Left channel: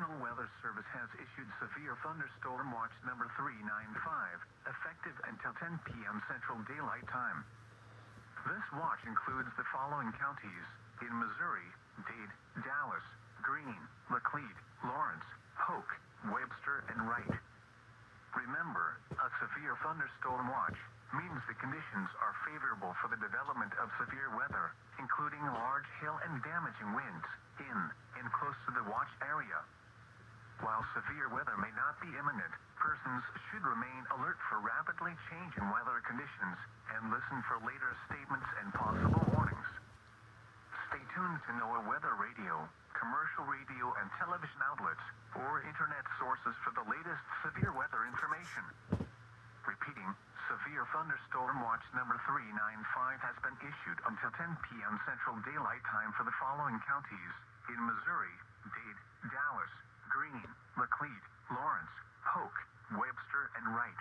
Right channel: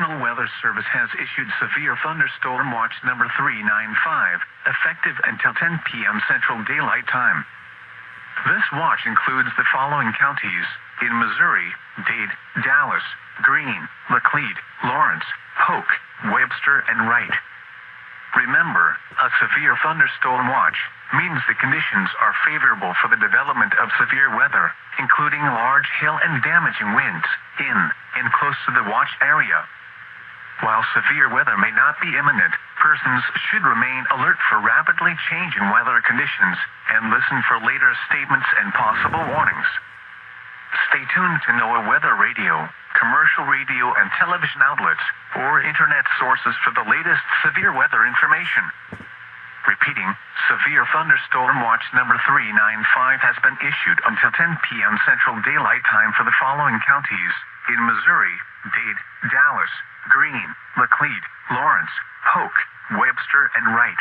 National Weather Service has issued Severe Thunderstorm Watch number 395, effective until 10 p.m. Central Daylight Time. This watch includes the following counties: in Missouri, Dade, Dallas, Greene, Laclede, Lawrence, Polk, Webster, and Wright. Remember, a severe thunderstorm watch means the conditions are favorable for the development of severe weather, including large hail and damaging winds, in and close to the watch area. While severe weather may not be imminent, persons should remain alert for rapidly changing weather conditions and listen for later statements and possible warnings. Stay tuned to NOAA weather radio, commercial radio and television outlets, or internet sources for the latest severe weather information. Repeating, Severe Thunderstorm Watch number 395 has been issued until 10 p.m. Central Daylight Time for the following counties: in Missouri, Dade, Dallas, Greene, Laclede, Lawrence, Polk, Webster, and Wright.